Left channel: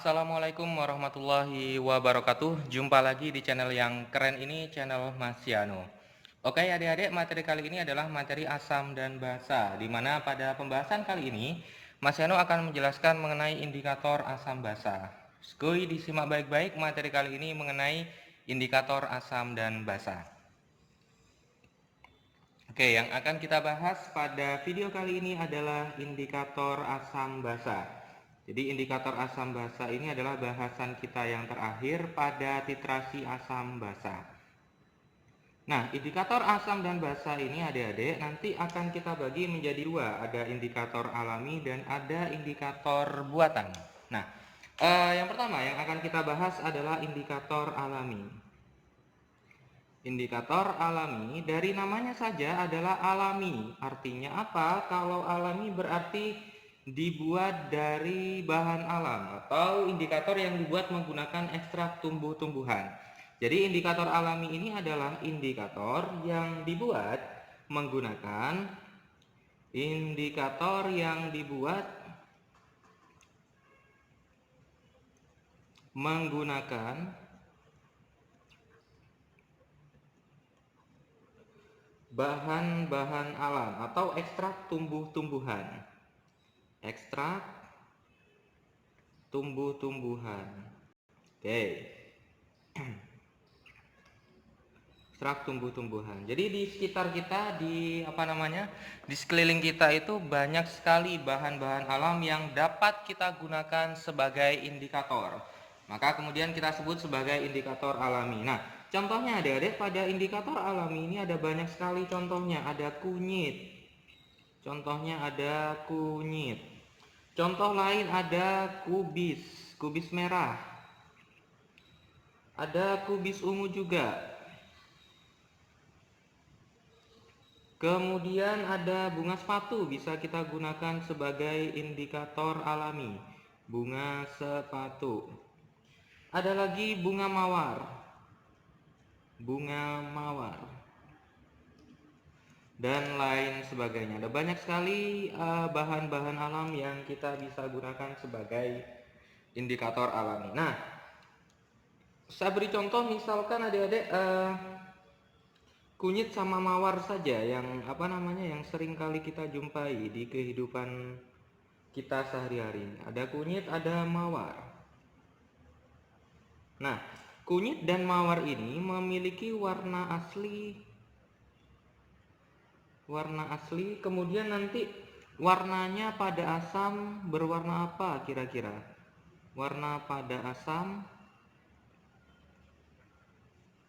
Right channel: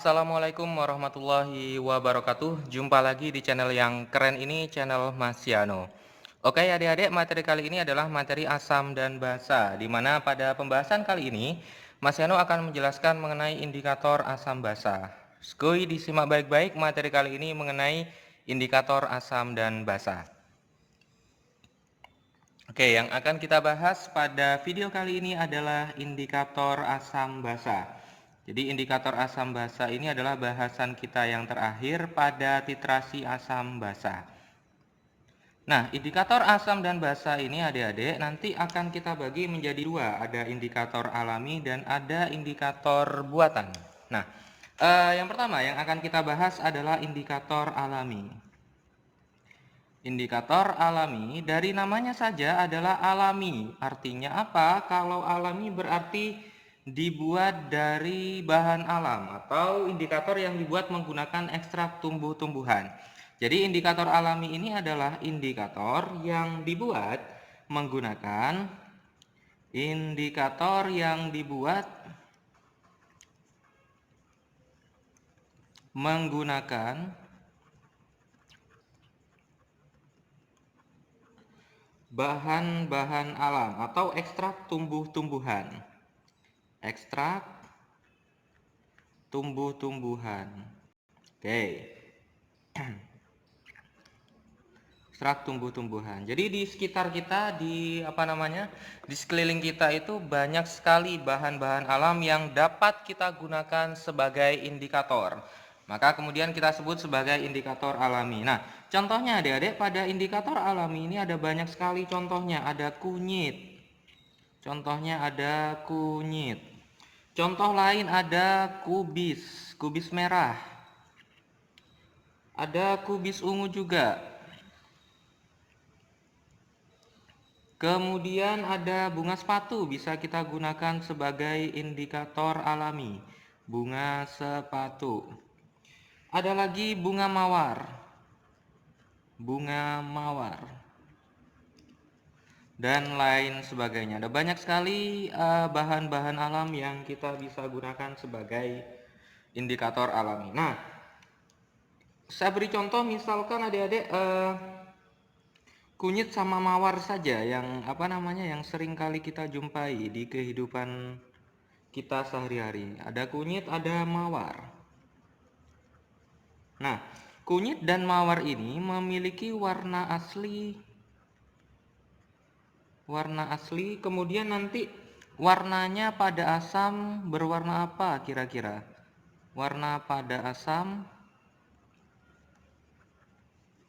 Assalamualaikum warahmatullahi wabarakatuh. Jumpa lagi di channel yang keren ini, channel Mas Yano. Oke adik-adik, materi kali ini adalah materi asam dan basa, di mana pada pembahasan kali ini Mas Yano akan menjelaskan mengenai indikator asam basa. Skuy disimak baik-baik, materi kali ini mengenai indikator asam dan basa. Oke, yang akan kita bahas pada video kali ini adalah indikator asam basa. Jadi indikator asam basa ini adalah bahasan kita yang terakhir pada titrasi asam basa. Nah, indikator asam dan basa ini adik-adik nanti akan kita bagi menjadi dua. Ada indikator alami dan ada indikator buatan. Nah, yang pertama yang akan kita bahas adalah indikator alami. Indikator alami dari namanya saja adalah alami. Artinya apa? Kalau alami berarti dibuat dari bahan alam atau indikator yang dibuat menggunakan ekstrak tumbuh-tumbuhan. Jadi indikator alami ini adalah indikator yang dibuat menggunakan bahan-bahan alam atau ekstrak tumbuh-tumbuhan. Ekstrak tumbuh-tumbuhan. Oke. Ekstrak tumbuh-tumbuhan. Jadi di sekitar kita, di sekeliling kita itu banyak sekali bahan-bahan alam yang dapat kita gunakan sebagai indikator. Maka kemudian kita sebut sebagai indikator alami. Nah, contohnya adik-adik, pada indikator alami ini ada banyak sekali contohnya. Ada kunyit. Contohnya ada kunyit. Contoh lain ada kubis merah. Ada kubis ungu juga. Kemudian ada bunga sepatu, bisa kita gunakan sebagai indikator alami. Bunga sepatu. Ada lagi bunga mawar. Bunga mawar. Dan lain sebagainya. Ada banyak sekali bahan-bahan alam yang kita bisa gunakan sebagai indikator alami. Nah, saya beri contoh misalkan adik-adik kunyit sama mawar saja yang yang sering kali kita jumpai di kehidupan kita sehari-hari. Ada kunyit, ada mawar. Nah, kunyit dan mawar ini memiliki warna asli, kemudian nanti warnanya pada asam berwarna apa kira-kira? Warna pada asam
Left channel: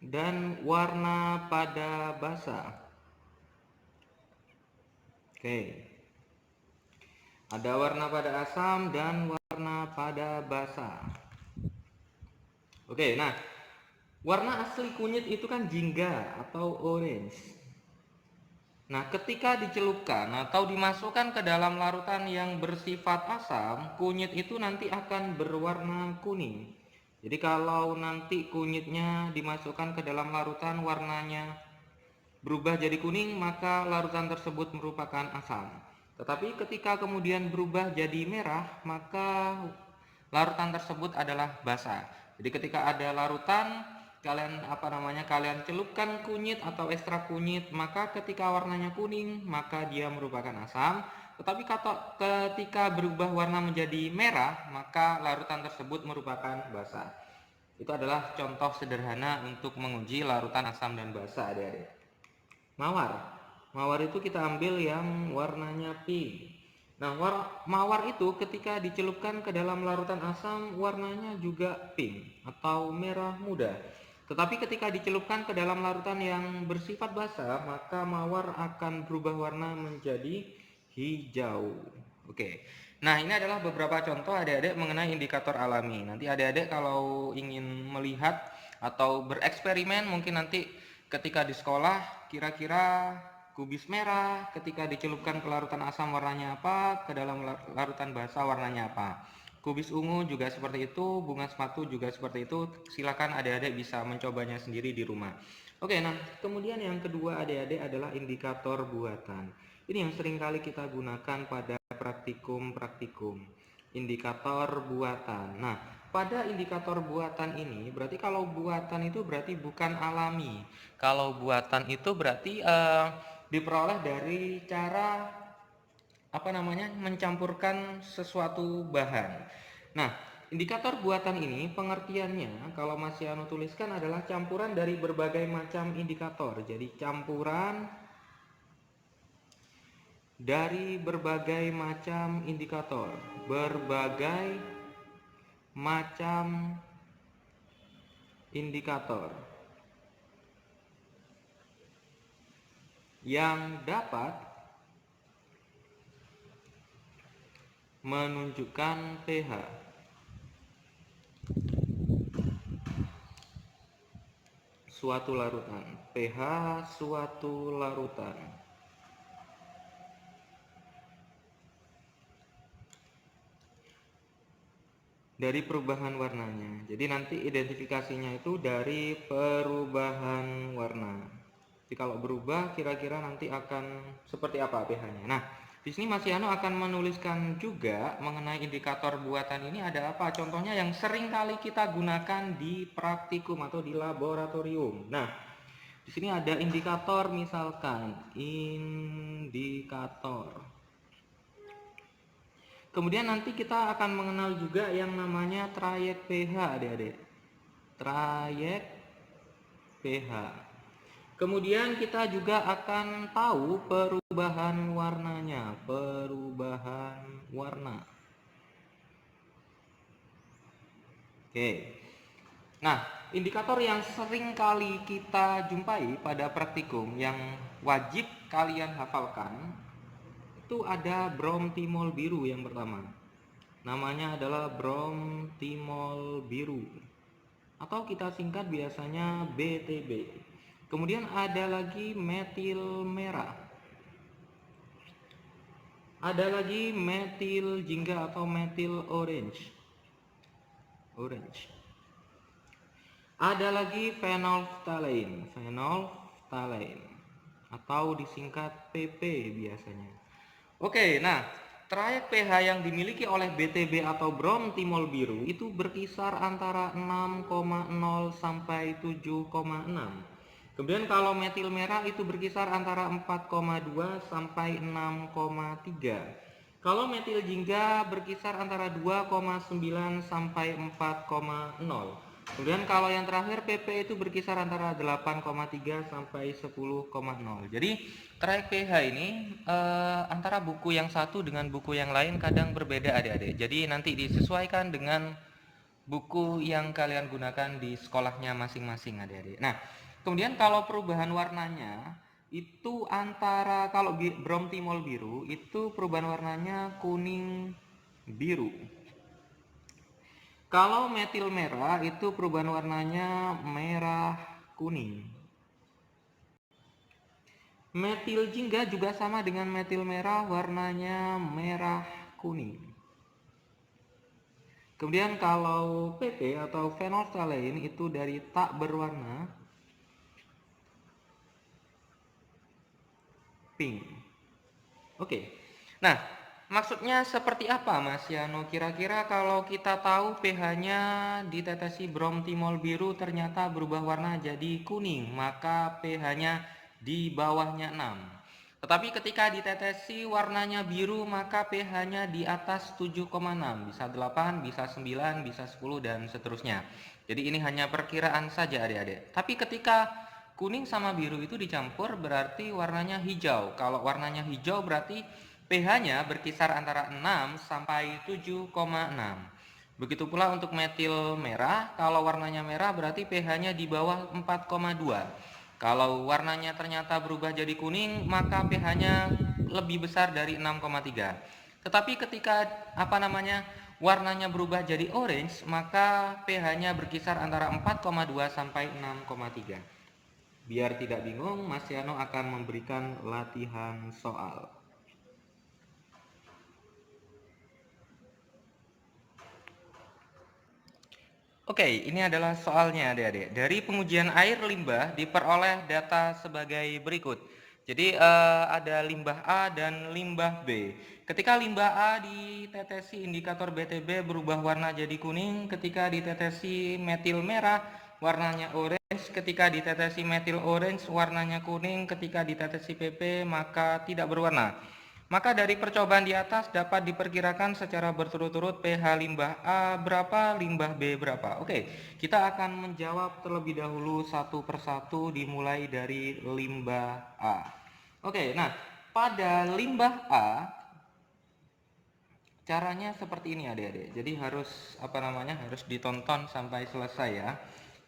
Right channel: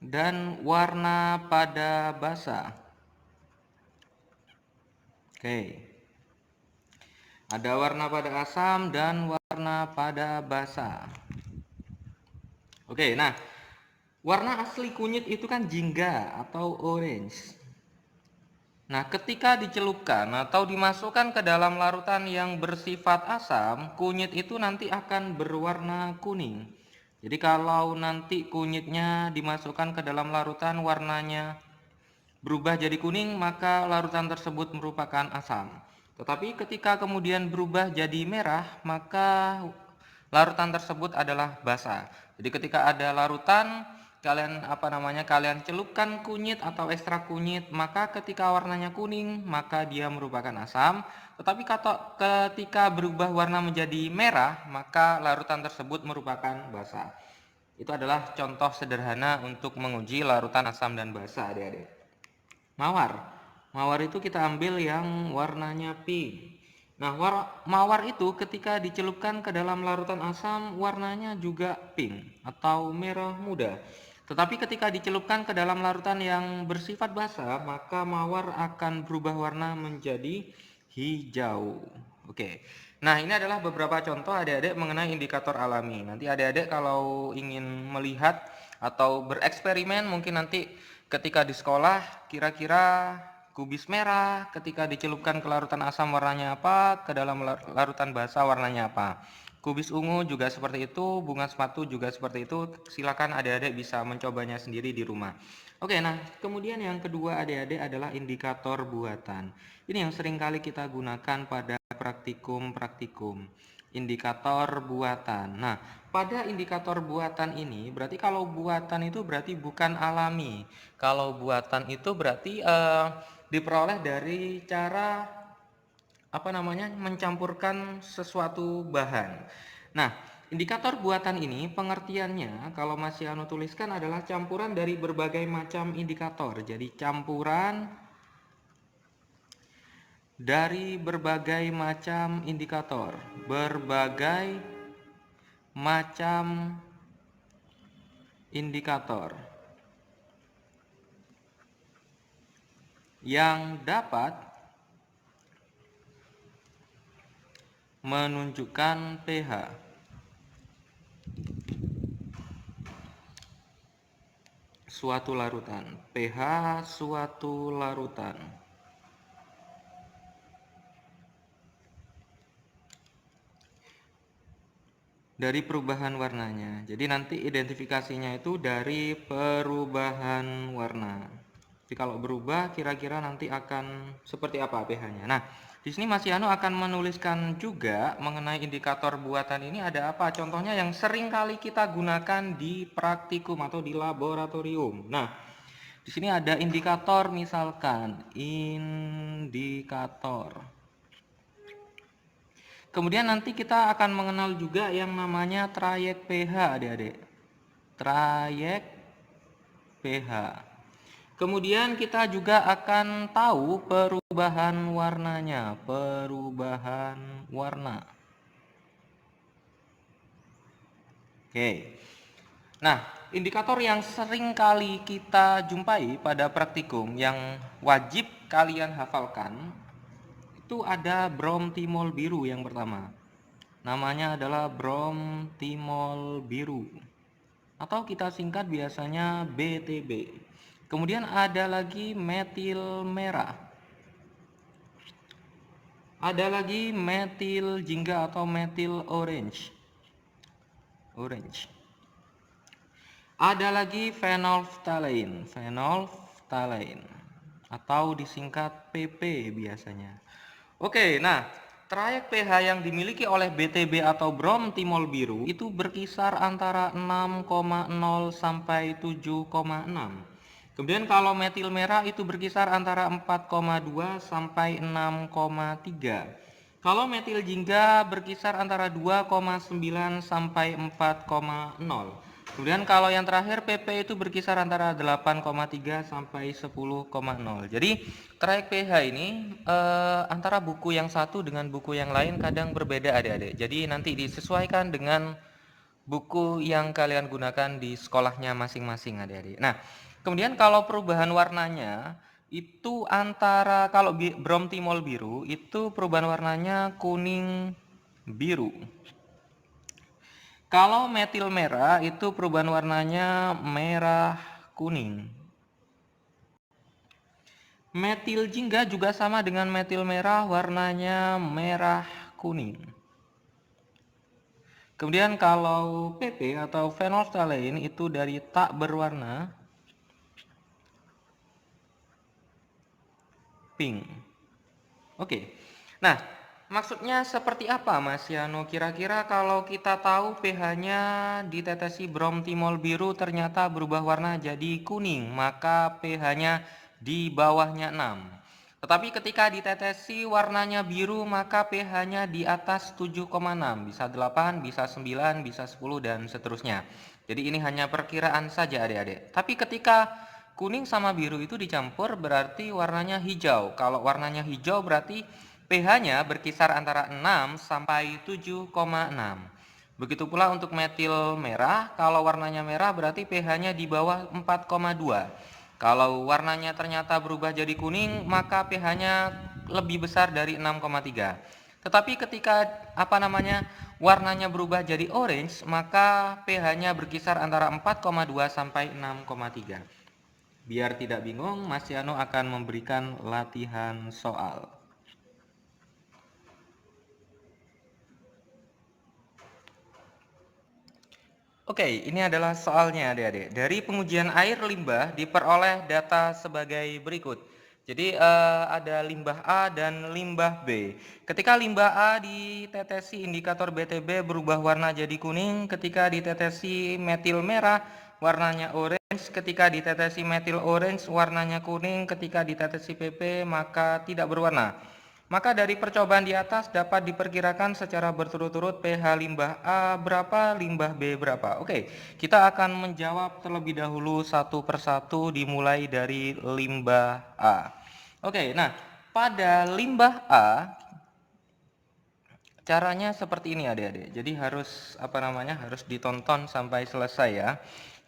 dan warna pada basa. Oke. Ada warna pada asam dan warna pada basa. Oke, nah warna asli kunyit itu kan jingga atau orange. Nah, ketika dicelupkan atau dimasukkan ke dalam larutan yang bersifat asam, kunyit itu nanti akan berwarna kuning. Jadi kalau nanti kunyitnya dimasukkan ke dalam larutan warnanya berubah jadi kuning, maka larutan tersebut merupakan asam. Tetapi ketika kemudian berubah jadi merah, maka larutan tersebut adalah basa. Jadi ketika ada larutan kalian celupkan kunyit atau ekstrak kunyit, maka ketika warnanya kuning, maka dia merupakan asam. Tetapi ketika berubah warna menjadi merah, maka larutan tersebut merupakan basa. Itu adalah contoh sederhana untuk menguji larutan asam dan basa, adik-adik. Mawar itu kita ambil yang warnanya pink. Nah, mawar itu ketika dicelupkan ke dalam larutan asam, warnanya juga pink atau merah muda. Tetapi ketika dicelupkan ke dalam larutan yang bersifat basa, maka mawar akan berubah warna menjadi hijau. Oke. Nah, ini adalah beberapa contoh adik-adik mengenai indikator alami. Nanti adik-adik kalau ingin melihat atau bereksperimen, mungkin nanti ketika di sekolah, kira-kira kubis merah ketika dicelupkan ke larutan asam warnanya apa, ke dalam larutan basa warnanya apa. Kubis ungu juga seperti itu, bunga sepatu juga seperti itu. Silakan adik-adik bisa mencobanya sendiri di rumah. Oke, nah kemudian yang kedua adik-adik adalah indikator buatan. Ini yang sering kali kita gunakan pada praktikum. indikator buatan. Nah, pada indikator buatan ini berarti kalau buatan itu berarti bukan alami. Kalau buatan itu berarti diperoleh dari cara mencampurkan sesuatu bahan. Nah, indikator buatan ini pengertiannya kalau Mas Yano tuliskan adalah campuran dari berbagai macam indikator. Jadi campuran dari berbagai macam indikator, berbagai macam indikator yang dapat menunjukkan pH suatu larutan, pH suatu larutan. Dari perubahan warnanya. Jadi nanti identifikasinya itu dari perubahan warna. Jadi kalau berubah kira-kira nanti akan seperti apa pH-nya. Nah, di sini Mas Yano akan menuliskan juga mengenai indikator buatan ini ada apa? Contohnya yang sering kali kita gunakan di praktikum atau di laboratorium. Nah, di sini ada indikator misalkan indikator. Kemudian nanti kita akan mengenal juga yang namanya trayek pH, adik-adik. Trayek pH. Kemudian kita juga akan tahu perubahan warnanya, perubahan warna. Oke. Nah, indikator yang sering kali kita jumpai pada praktikum yang wajib kalian hafalkan itu ada bromtimol biru yang pertama. Namanya adalah bromtimol biru atau kita singkat biasanya BTB. Kemudian ada lagi metil merah. Ada lagi metil jingga atau metil orange. Ada lagi phenolphthalein, atau disingkat PP biasanya. Oke, nah trayek pH yang dimiliki oleh BTB atau bromtimol biru itu berkisar antara 6,0 sampai 7,6. Kemudian kalau metil merah itu berkisar antara 4,2 sampai 6,3. Kalau metil jingga berkisar antara 2,9 sampai 4,0. Kemudian kalau yang terakhir PP itu berkisar antara 8,3 sampai 10,0. Jadi trayek pH ini antara buku yang satu dengan buku yang lain kadang berbeda adik-adik. Jadi nanti disesuaikan dengan buku yang kalian gunakan di sekolahnya masing-masing adik-adik. Nah, kemudian kalau perubahan warnanya itu antara kalau bromtimol biru itu perubahan warnanya kuning biru. Kalau metil merah itu perubahan warnanya merah kuning. Metil jingga juga sama dengan metil merah, warnanya merah kuning. Kemudian kalau PP atau phenolphthalein itu dari tak berwarna pink. Oke. Nah, maksudnya seperti apa Mas Yano? Kira-kira kalau kita tahu pH-nya ditetesi bromtimol biru ternyata berubah warna jadi kuning, maka pH-nya di bawahnya 6. Tetapi ketika ditetesi warnanya biru maka pH-nya di atas 7,6, bisa 8, bisa 9, bisa 10 dan seterusnya. Jadi ini hanya perkiraan saja adik-adik. Tapi ketika kuning sama biru itu dicampur berarti warnanya hijau. Kalau warnanya hijau berarti pH-nya berkisar antara 6 sampai 7,6. Begitu pula untuk metil merah, kalau warnanya merah berarti pH-nya di bawah 4,2. Kalau warnanya ternyata berubah jadi kuning, maka pH-nya lebih besar dari 6,3. Tetapi ketika warnanya berubah jadi orange, maka pH-nya berkisar antara 4,2 sampai 6,3. Biar tidak bingung, Mas Yano akan memberikan latihan soal. Oke, ini adalah soalnya adik-adik. Dari pengujian air limbah diperoleh data sebagai berikut. Jadi ada limbah A dan limbah B. Ketika limbah A ditetesi indikator BTB berubah warna jadi kuning, ketika ditetesi metil merah warnanya orange, ketika ditetesi metil orange warnanya kuning, ketika ditetesi PP maka tidak berwarna. Maka dari percobaan di atas dapat diperkirakan secara berturut-turut pH limbah A berapa, limbah B berapa. Oke, kita akan menjawab terlebih dahulu satu persatu dimulai dari limbah A. Oke, nah pada limbah A caranya seperti ini adik-adik. Jadi harus harus ditonton sampai selesai ya.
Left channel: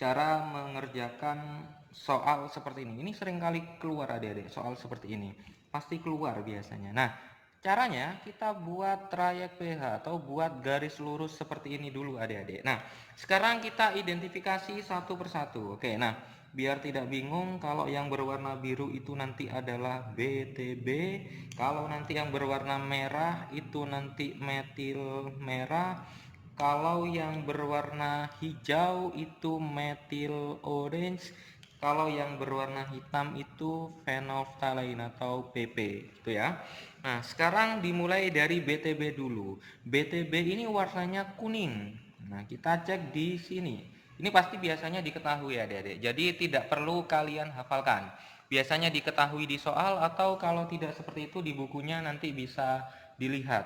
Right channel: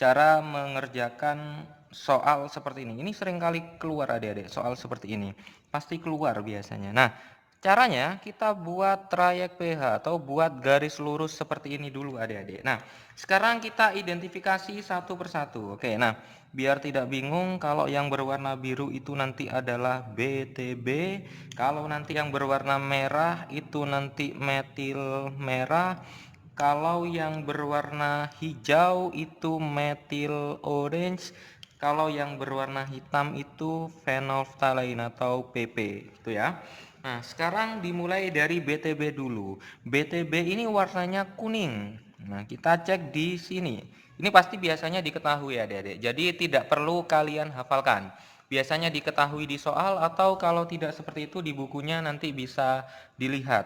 Cara mengerjakan soal seperti ini. Ini seringkali keluar adik-adik, soal seperti ini. Pasti keluar biasanya. Nah, caranya kita buat trayek pH atau buat garis lurus seperti ini dulu adik-adik. Nah, sekarang kita identifikasi satu persatu. Oke, nah biar tidak bingung, kalau yang berwarna biru itu nanti adalah BTB, kalau nanti yang berwarna merah itu nanti metil merah, kalau yang berwarna hijau itu metil orange, kalau yang berwarna hitam itu phenolphthalein atau PP itu ya. Nah, sekarang dimulai dari BTB dulu. BTB ini warnanya kuning. Nah, kita cek di sini. Ini pasti biasanya diketahui ya adik-adik. Jadi tidak perlu kalian hafalkan. Biasanya diketahui di soal atau kalau tidak seperti itu di bukunya nanti bisa dilihat.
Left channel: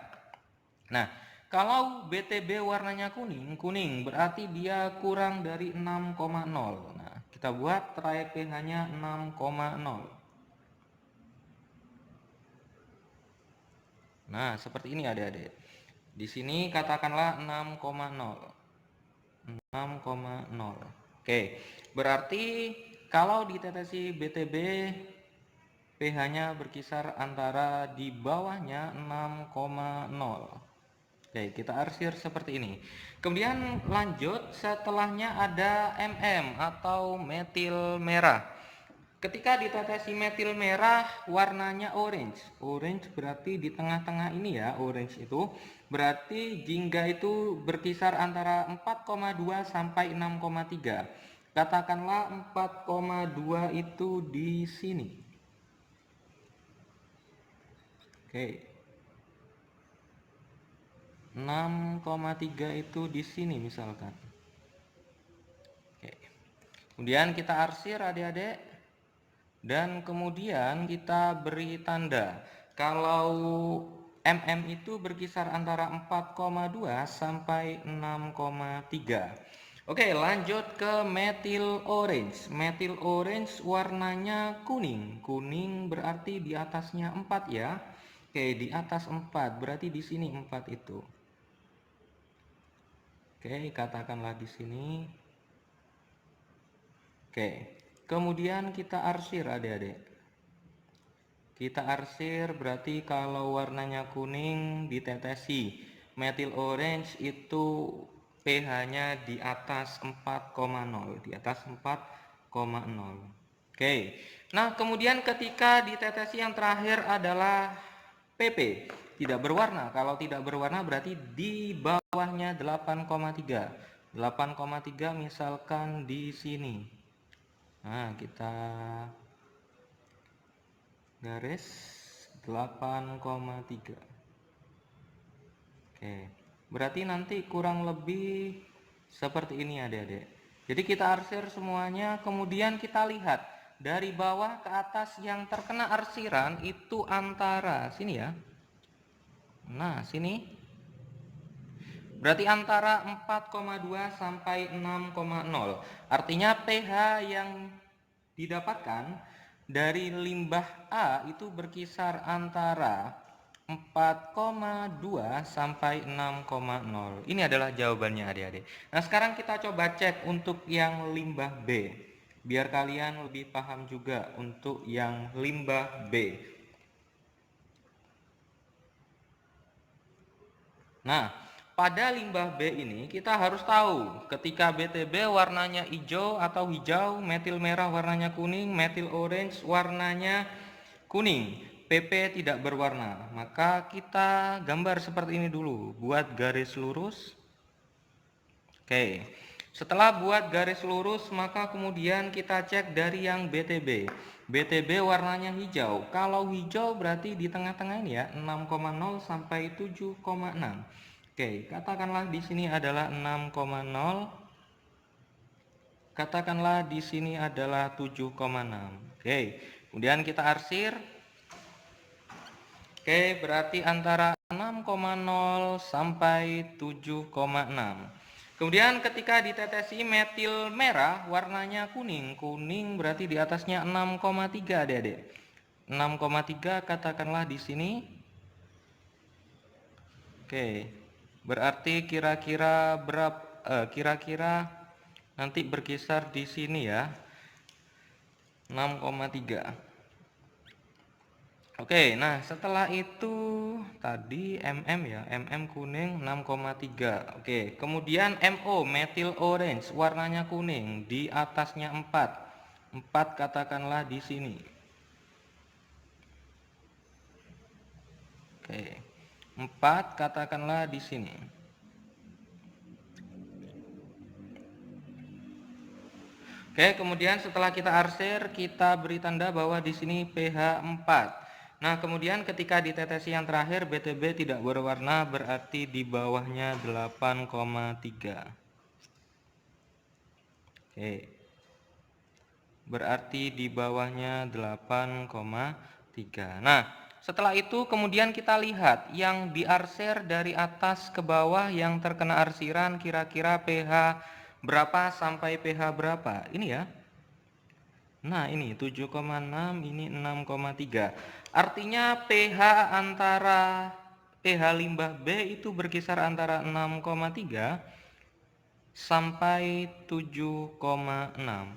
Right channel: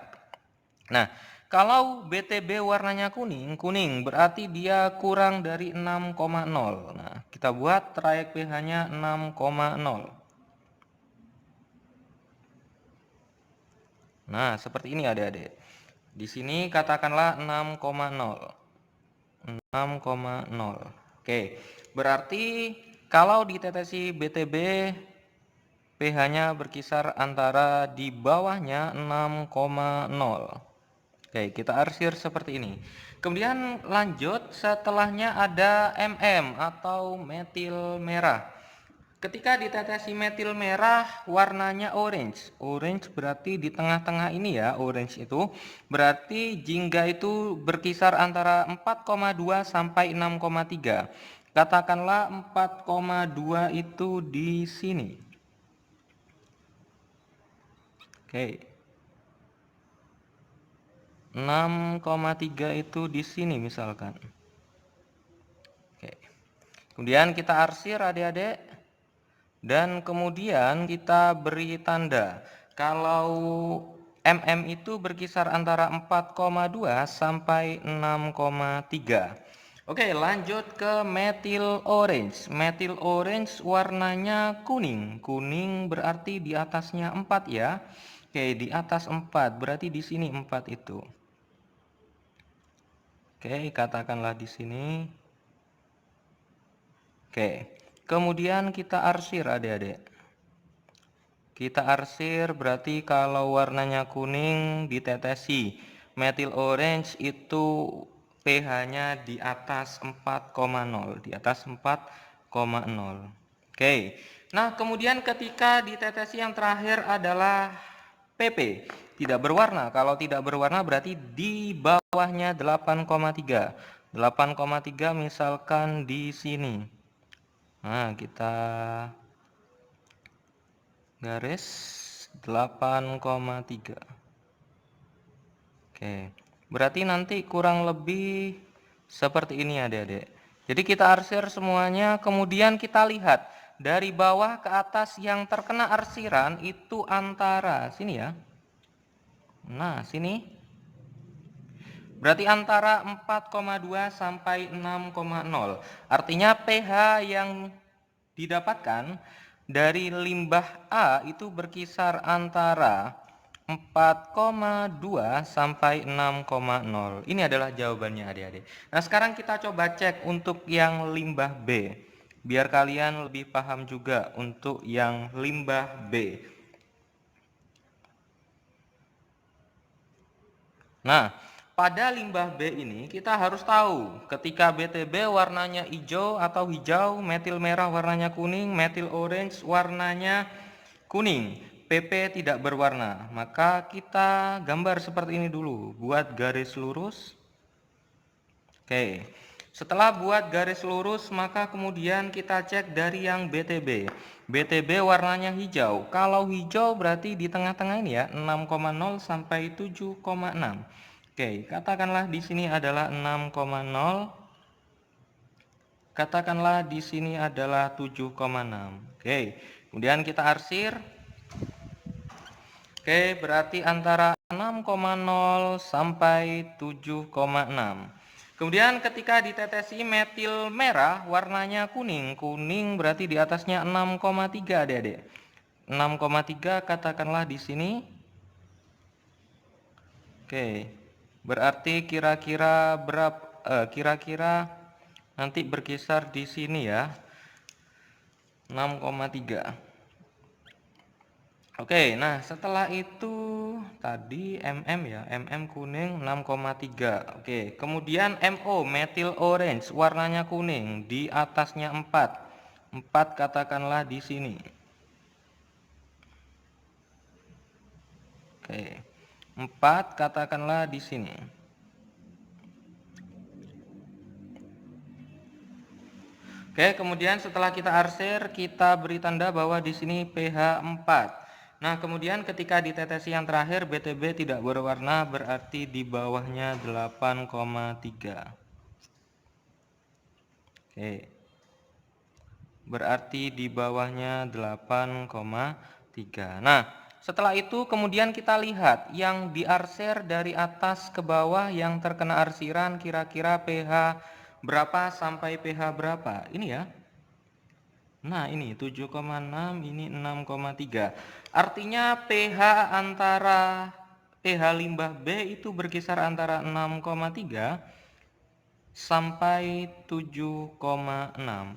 Nah, kalau BTB warnanya kuning berarti dia kurang dari 6,0. Nah, kita buat trayek pH-nya 6,0. Nah, seperti ini adik-adik. Di sini katakanlah 6,0. 6,0. Oke, berarti kalau ditetesi BTB pH-nya berkisar antara di bawahnya 6,0. Oke, kita arsir seperti ini. Kemudian lanjut, setelahnya ada MM atau metil merah. Ketika ditetesi metil merah warnanya orange. Orange berarti di tengah-tengah ini ya, orange itu. Berarti jingga itu berkisar antara 4,2 sampai 6,3. Katakanlah 4,2 itu di sini. Oke. 6,3 itu di sini misalkan. Oke. Kemudian kita arsir adik-adik. Dan kemudian kita beri tanda. Kalau mm itu berkisar antara 4,2 sampai 6,3. Oke, lanjut ke metil orange. Metil orange warnanya kuning. Kuning berarti di atasnya 4 ya. Oke, di atas 4 berarti di sini 4 itu. Oke, katakanlah di sini. Oke. Kemudian kita arsir adik-adik. Kita arsir berarti kalau warnanya kuning ditetesi. Metil orange itu pH-nya di atas 4,0. Di atas 4,0. Oke. Nah, kemudian ketika ditetesi yang terakhir adalah PP. Tidak berwarna. Kalau tidak berwarna berarti di bawahnya 8,3. 8,3 misalkan di sini. Nah, kita garis 8,3. Oke. Berarti nanti kurang lebih seperti ini adik-adik. Jadi kita arsir semuanya, kemudian kita lihat dari bawah ke atas yang terkena arsiran itu antara sini ya. Nah, sini. Berarti antara 4,2 sampai 6,0. Artinya pH yang didapatkan dari limbah A itu berkisar antara 4,2 sampai 6,0. Ini adalah jawabannya adik-adik. Nah, sekarang kita coba cek untuk yang limbah B. Biar kalian lebih paham juga untuk yang limbah B. Nah, pada limbah B ini kita harus tahu ketika BTB warnanya hijau atau hijau, metil merah warnanya kuning, metil orange warnanya kuning, PP tidak berwarna. Maka kita gambar seperti ini dulu, buat garis lurus. Oke. Setelah buat garis lurus, maka kemudian kita cek dari yang BTB. BTB warnanya hijau. Kalau hijau berarti di tengah-tengah ini ya, 6,0 sampai 7,6. Oke, katakanlah di sini adalah 6,0. Katakanlah di sini adalah 7,6. Oke, kemudian kita arsir. Oke, berarti antara 6,0 sampai 7,6. Kemudian ketika ditetesi metil merah warnanya kuning. Kuning berarti di atasnya 6,3 Adik-adik. 6,3 katakanlah di sini. Oke. Berarti kira-kira berapa kira-kira nanti berkisar di sini ya. 6,3. Oke, nah setelah itu tadi ya, kuning 6,3. Oke, kemudian MO, metil orange, warnanya kuning, di atasnya 4. 4 katakanlah di sini. Oke, 4 katakanlah di sini. Oke, kemudian setelah kita arsir, kita beri tanda bahwa di sini pH 4. Nah, kemudian ketika ditetesi yang terakhir BTB tidak berwarna, berarti di bawahnya 8,3. Oke. Berarti di bawahnya 8,3. Nah, setelah itu kemudian kita lihat yang diarsir dari atas ke bawah yang terkena arsiran kira-kira pH berapa sampai pH berapa. Ini ya. Nah, ini 7,6, ini 6,3. Artinya pH antara pH limbah B itu berkisar antara 6,3 sampai 7,6.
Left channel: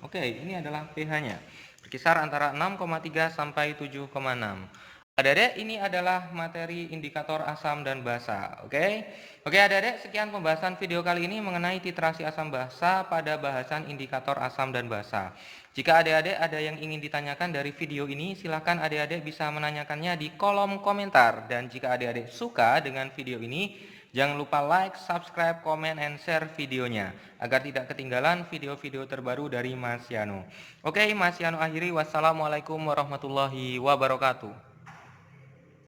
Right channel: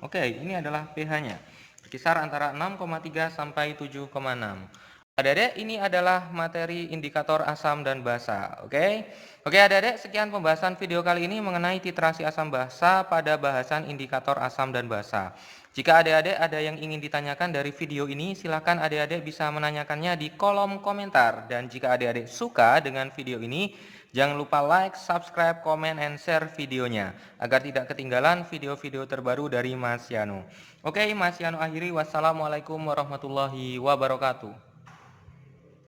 Oke, ini adalah pH-nya. Berkisar antara 6,3 sampai 7,6. Adik-adik, ini adalah materi indikator asam dan basa. Oke, adik-adik, sekian pembahasan video kali ini mengenai titrasi asam basa pada bahasan indikator asam dan basa. Jika adik-adik ada yang ingin ditanyakan dari video ini, silakan adik-adik bisa menanyakannya di kolom komentar. Dan jika adik-adik suka dengan video ini, jangan lupa like, subscribe, comment, and share videonya agar tidak ketinggalan video-video terbaru dari Mas Yano. Oke, Mas Yano akhiri. Wassalamualaikum warahmatullahi wabarakatuh.